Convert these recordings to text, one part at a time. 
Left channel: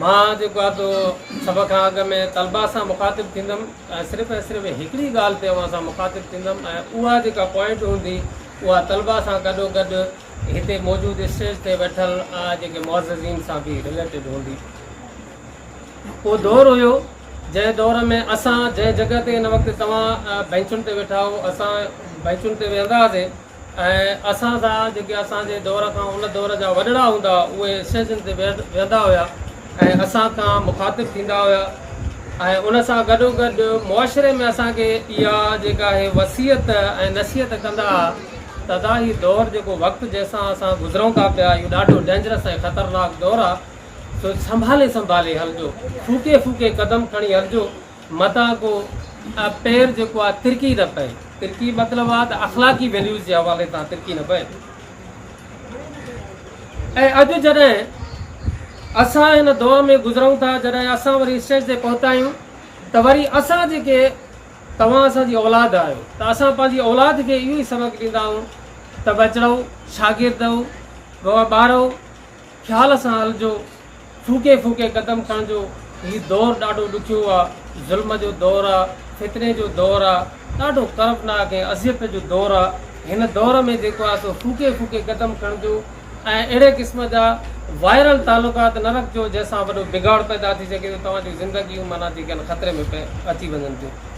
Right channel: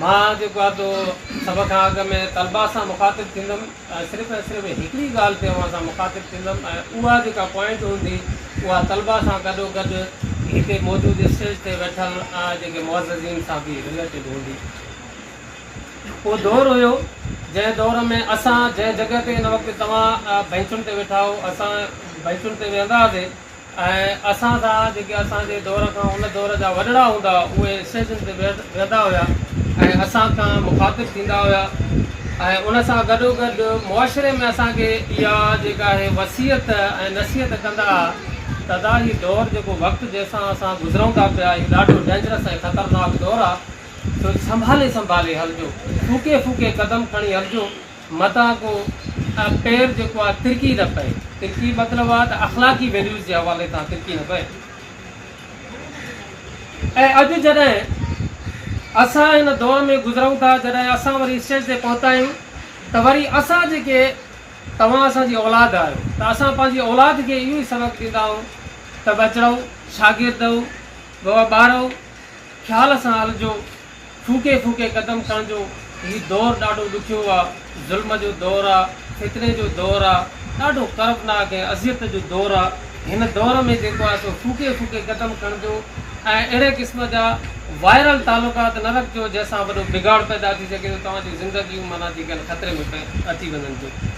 मां जेको आहे तो सभ खां अॻु में तलबा सां मुखातिबु थींदुमि ऐं सिर्फ़ु हिकिड़ी ॻाल्हि ते असां मुखातिबु थींदुमि ऐं उहा जेका पॉइंट हूंदी उहा तलबा सां गॾोगॾु हिते मौजूदु स्टेज ते वेठल जेके मुअज़्ज़िज़ीन सां बि रिलेटेड हूंदी। उहो दौरु हुयो जंहिं दौर में असां जंहिं जॻह ते हिन वक़्तु तव्हां बेंचुनि ते वेठा हो, असां बेंचुनि ते वेहंदा हुआसीं ऐं असां सां जेके असांजे दौर खां उन दौर जा वॾड़ा हूंदा उहे स्टेजनि ते वेहंदा हुआ ऐं असां खां मुखातिबु थींदा हुआ ऐं उन सां गॾोगॾु मुआशिरे में असांखे इहा जेका आहे वसियत ऐं नसीहत कंदा हुआ त तव्हां हीउ दौरु जेको वक़्तु जंहिंसां असां गुज़रूं था पिया इहो ॾाढो डेंजरस ऐं ख़तरनाक दौरु आहे, तो संभाले संभाले हलजो, फूके फूके कदम खणी हलजो, मथां को पैर जेको आहे तिरकी न पए। तिरकी मतिलबु आहे त अख़लाक़ी वैल्यूज़ जे हवाले सां तिरकी न पए। ऐं अॼु जॾहिं असां हिन दौर में गुज़रूं था, जॾहिं असां वरी स्टेज ते पहुता आहियूं त वरी असां जेके तव्हां असांजी औलाद आहियो त असां पंहिंजी औलाद खे इहो ई सबक़ु ॾींदा आहियूं त बचड़ो शागिर्दो बाबा ॿारो ख़्याल सां हलिजो, फूके फूके कदम खणिजो। हीउ दौरु ॾाढो ॾुखियो आहे, ज़ुल्म जो दौरु आहे, फितने जो दौरु आहे, ॾाढो कर्बनाक ऐं अज़ियत जो दौरु आहे। हिन दौर में जेको आहे सो फूके फूके कदम खणिजो ऐं अहिड़े क़िस्म जा वायरल तालुकात न रखिजो जंहिंसां वॾो बिगाड़ पैदा थी सघे, तव्हांजी ज़िंदगियूं माना जेके आहिनि ख़तरे में अची वञनि थियूं।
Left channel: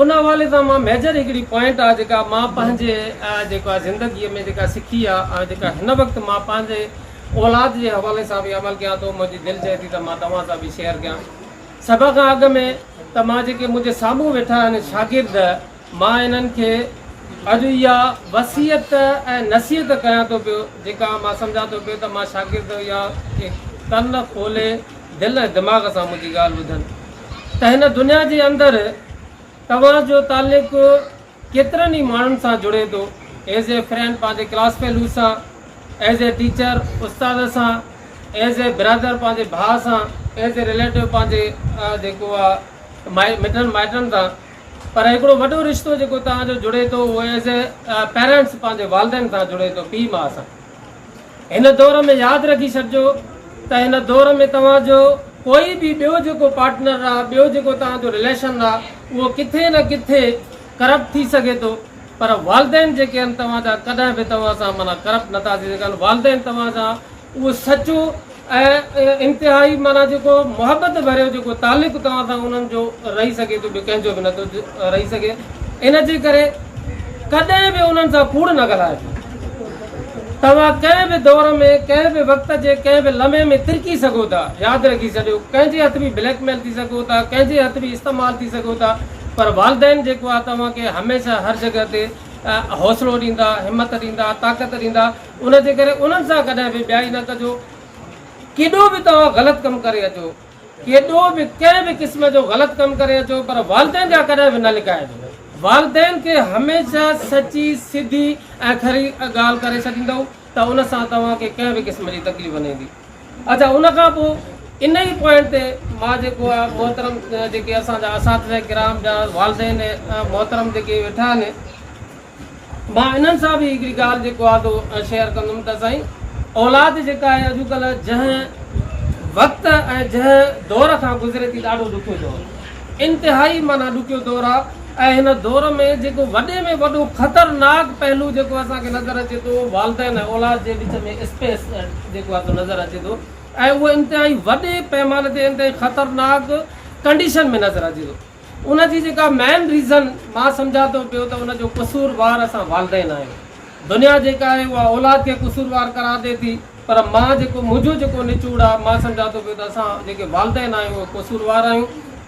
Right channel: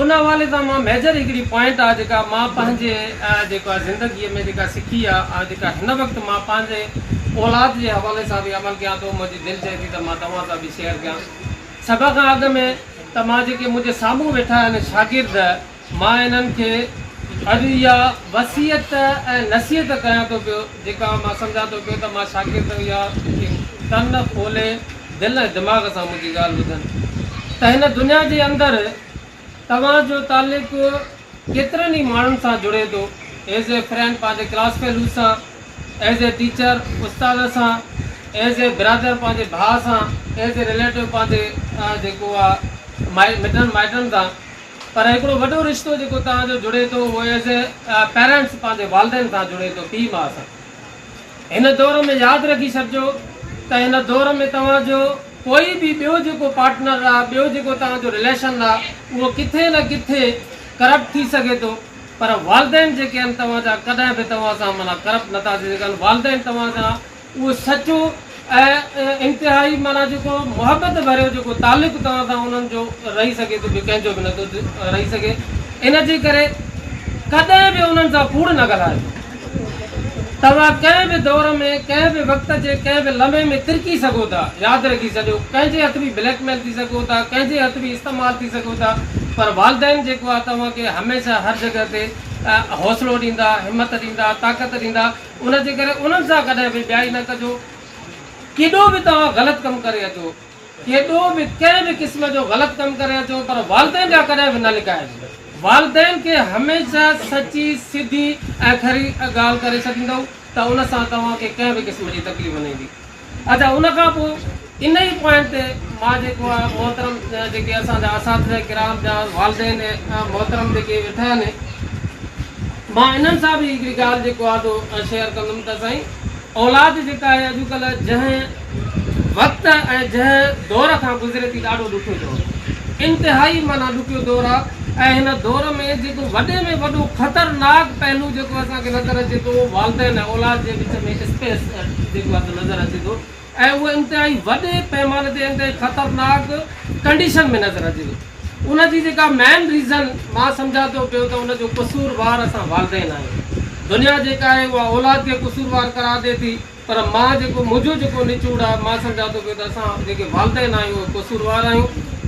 उन हवाले सां मां मेजर हिकिड़ी पॉइंट आहे जेका मां पंहिंजे जेको आहे ज़िंदगीअ में जेका सिखी आहे ऐं जेका हिन वक़्तु मां पंहिंजे औलाद जे हवाले सां बि अमल कयां थो, मुंहिंजी दिलि चए थी त मां तव्हां सां बि शेयर कयां। सभ खां अॻु में त मां जेके मुंहिंजे साम्हूं वेठा आहिनि शागिर्द, मां इन्हनि खे अॼु इहा वसियत ऐं नसीहत कयां थो पियो जेका मां सम्झां थो पियो त मां शागिर्द इहा कन खोले दिलि ऐं दिमाग़ सां मुंहिंजी ॻाल्हि ॿुधनि त हिन दुनिया जे अंदरि तव्हांजो तालुक़ु केतिरनि ई माण्हुनि सां जुड़े थो, एज़ ए फ्रेंड पंहिंजे क्लास फेलू सां, एज़ ए टीचर उस्ताद सां, एज़ ए ब्रदर पंहिंजे भाउ सां, एज़ ए रिलेटिव पंहिंजे जेको आहे मिटनि माइटनि सां। पर हिकिड़ो वॾो रिश्तो जेको तव्हांजो जुड़े थो उहो एज़ ए पेरेंट्स पंहिंजे वालदेन सां जुड़े थो, पीउ माउ सां। हिन दौर में यादि रखी छॾिजो त हिन दौर में तव्हांजो कोई बि ॿियो जेको पार्टनर आहे, ॿियो जेको तव्हांजो रिलेशन आहे, उहो किथे न किथे करप्ट थी सघे थो, पर वालदेन जेके आहिनि तव्हांजा कॾहिं बि तव्हां सां माना करप्ट नथा थी सघनि। वालदेन तव्हां सां उहो सचो ऐं इंतिहाई माना जेको मुहबत भरियो जेको तालुक़ु तव्हां सां उन्हनि जो रही सघे थो, ॿियो कंहिंजो बि नथो रही सघे। इन जे करे कॾहिं बि उन्हनि सां कूड़ न ॻाल्हाइजो। तव्हां कंहिं बि दौर में कंहिं बि वक़्त जे कंहिं बि लम्हे में तिरकी सघो था, यादि रखी छॾियो, कंहिंजे हथ बि ब्लैकमेल थी सघो था, कंहिंजे हथ बि इस्तेमालु थी सघो था, पर वालदेन जेको आहे तव्हांखे हमेशह हर जॻह ते हौसलो ॾींदा, हिमत ॾींदा, ताक़त ॾींदा। उन जे करे उन्हनि सां कॾहिं बि ॿियाई न कजो। केॾो बि तव्हां ग़लति कमु करे अचो, केॾो बि कंहिं बि क़िस्म जो ग़लति कमु करे अचो, पर वालदेन जा कॾहिं बि न लिकाइजो। वालदेन खे हमेशह सची सिधी ऐं खरी ॻाल्हि करे छॾींदव त उन सां तव्हांखे कंहिं बि क़िस्म जी तकलीफ़ न ईंदी। अच्छा, उन खां पोइ इन ई पॉइंट ते मां जेको आहे मोहतरम जेके असांजा असातिज़ा किराम जा वालदेन मोहतरम जेके वेठा आहिनि, मां इन्हनि सां बि हिकिड़ी ॻाल्हि जेको आहे तो शेयर कंदुमि त साईं, औलाद जेका आहे अॼुकल्ह जंहिं वक़्तु ऐं जंहिं दौर खां गुज़रे थी ॾाढो ॾुखियो दौरु, इंतिहाई माना ॾुखियो दौरु आहे। ऐं हिन दौर में जेको वॾे में वॾो ख़तरनाक पहलू जेको असांखे नज़र अचे थो, वालदेन ऐं औलाद जे विच में स्पेस जेको आहे नज़र अचे थो, ऐं उहो इंतिहाई वॾे पैमाने ते इंतिहाई ख़तरनाक कंडीशन में नज़र अचे थो। उनजी जेका मेन रीज़न मां सम्झां थो पियो त उनजो क़सूरवार असां वालदेन आहियूं। दुनिया जेका आहे उहा औलाद खे क़सूरवार करार ॾिए थी, पर मां जेको मुंहिंजो जेको निचूड़ आहे मां सम्झां थो पियो त असां जेके वालदेन आहियूं उहे क़सूरवार आहियूं।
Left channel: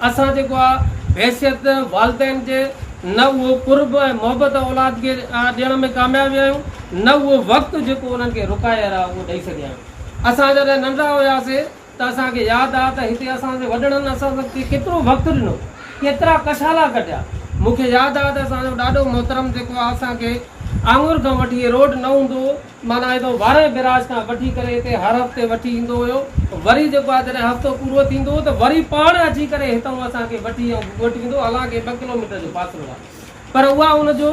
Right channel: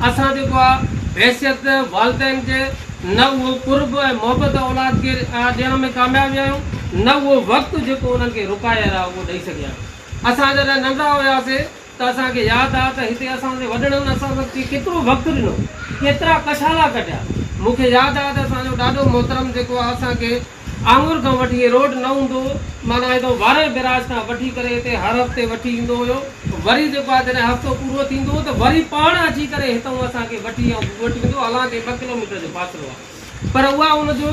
असां जेको आहे हैसियत वालदेन जे न उहो कुर्ब ऐं मोहबत औलाद खे ॾियण में कामयाबु आहियूं, न उहो वक़्तु जेको उन्हनि खे रुकायल आहे उहो ॾेई सघिया आहियूं। असां जॾहिं नंढा हुआसीं त असांखे यादि आहे त हिते असांजे वॾड़नि असां वक़्तु केतिरो वक़्तु ॾिनो, केतिरा कशाला कढिया। मूंखे यादि आहे त असांजो ॾाढो मोहतरम जेको आहे असांखे आंगुर खां वठी रोड न हूंदो, माना हेॾो वारे बिराज खां वठी करे हिते हर हफ़्ते वठी ईंदो हुयो। वरी जेको आहे जॾहिं हफ़्तो पूरो थींदो हो त वरी पाण अची करे हितां असांखे वठी वठी ईंदो, हालांकि 2 किलोमीटर जो फ़ासिलो आहे, पर उहा उनजो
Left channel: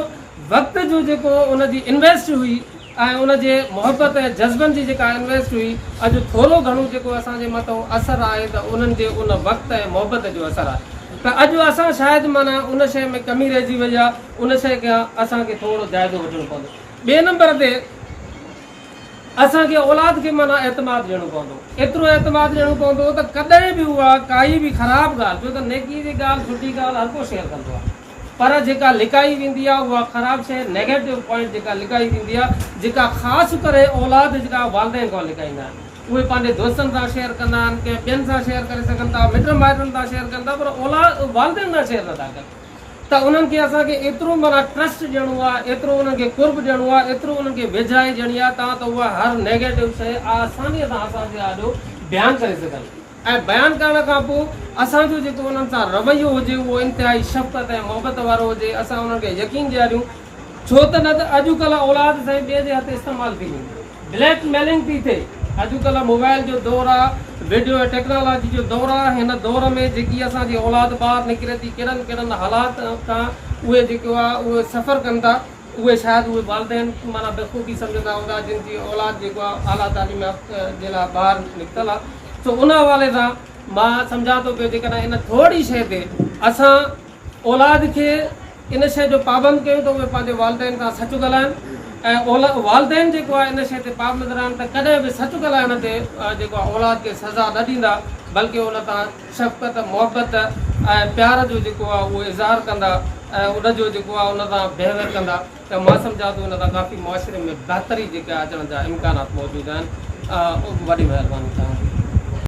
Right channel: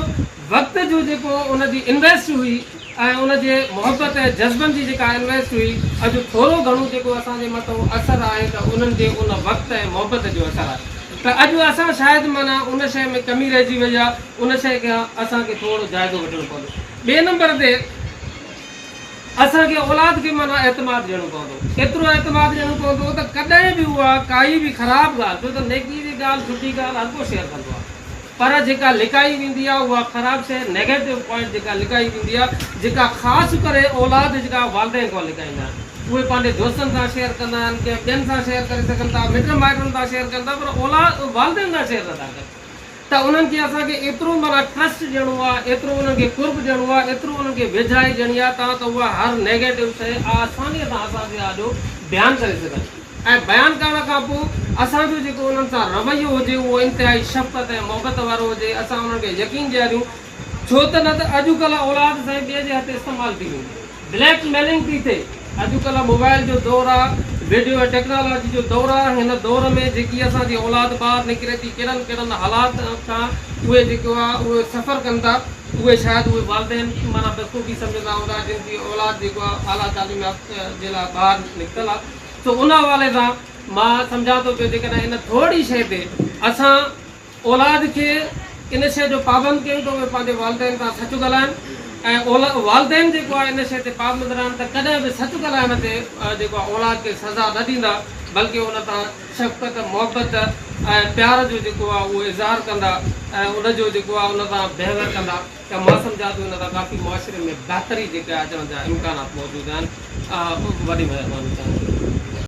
वक़्त जो जेको उनजी इन्वेस्ट हुई ऐं उनजे मुहबत ऐं जज़्बनि जी जेका इन्वेस्ट हुई अॼु थोरो घणो जेको असांजे मथां असरु आहे त उन्हनि जे उन वक़्तु ऐं मुहबत जो असरु आहे त अॼु असां शायदि माना उन शइ में कमी रहिजी वई आहे उन शइ खे असांखे थोरो जाइज़ो वठणो पवंदो ॿिए नंबर ते असांखे औलाद खे माना एतमाद ॾियणो पवंदो एतिरो एतमाद ॾियणो पवंदो त कॾहिं बि उहा काई बि ख़राबु ॻाल्हि छो त नेकी जी ॻाल्हि सुठी ॻाल्हि हर को शेयर कंदो आहे पर जेका लिकाई वेंदी आहे उहा ख़राबु शइ नेगेटिव पॉइंट जेका लिकाई वेंदी आहे जेका ख़ासि करे औलाद जेका वालदेन खां लिकाईंदा आहिनि उहे पंहिंजे दोस्तनि सां शेयर कंदा आहिनि कंहिं ॿियनि सां शेयर करे सघनि था मिट माइटनि सां शेयर कनि था पर औलाद वालदेन सां शेयर नथा कनि त उन्हनि खे असांखे एतिरो माना ट्रस्ट ॾियणो आहे एतिरो उन्हनि खे कुर्ब ॾियणो आहे एतिरो उन्हनि खे वेझाई ॾियणी आहे तव्हां त उहा हर नेगेटिव शइ आसानीअ सां असांजे आॾो बयानु करे सघनि ऐं बयानु करण खां पोइ असांजो जेको उन्हनि सां रवैयो हुजे उहो इंतिहाई शफ़क़त ऐं मुहबत वारो हुजे असां उन्हनि खे यकीन ॾियारियूं छो त न त अॼुकल्ह औलाद साईं ॿिए जे हथ इस्तेमालु थी वेंदी ब्लैकमेलिंग थी थिए अॼुकल्ह मोबाइल जो दौरु आहे वीडियो टेक्नोलॉजी जो दौरु आहे हिन दौर में जेकी असांजी औलाद ॿाहिरि निकिरे थी कहिड़नि कहिड़नि हालात खां उहे जेको आहे उहे सफ़र कनि था उहे शायदि उहे वालदेन माना बख़ूबी सम्झंदा हूंदा जिन जी औलाद जेको आहे आला तालीम जे लाइ ॿाहिरि निकितल आहे तो उन हवाले सां मां सम्झां थो पियो जेकॾहिं इन थोरी शइ ते असां औलाद खे इन शइ जो पाबंद कयूं त उहे पंहिंजे वालदेन खां सच ॻाल्हाइनि ऐं वालदेन जेको आहे इन शइ ते पाबंद रहनि त कॾहिं बि सच ॻाल्हाइण ते जेको आहे औलाद खे सज़ा न ॾींदा बल्कि उन तां शफ़क़त मुहबत ऐं प्यार जो जेको आहे उहो इज़हार कंदा ऐं उनजो जेको आहे उन सां बेहतर कंदा त मां सम्झां थो उन सां काफ़ी मुआशिरे में बहितरी जेका अचण जा इम्कानात मौजूदु आहिनि वॾी महिरबानी तव्हांजी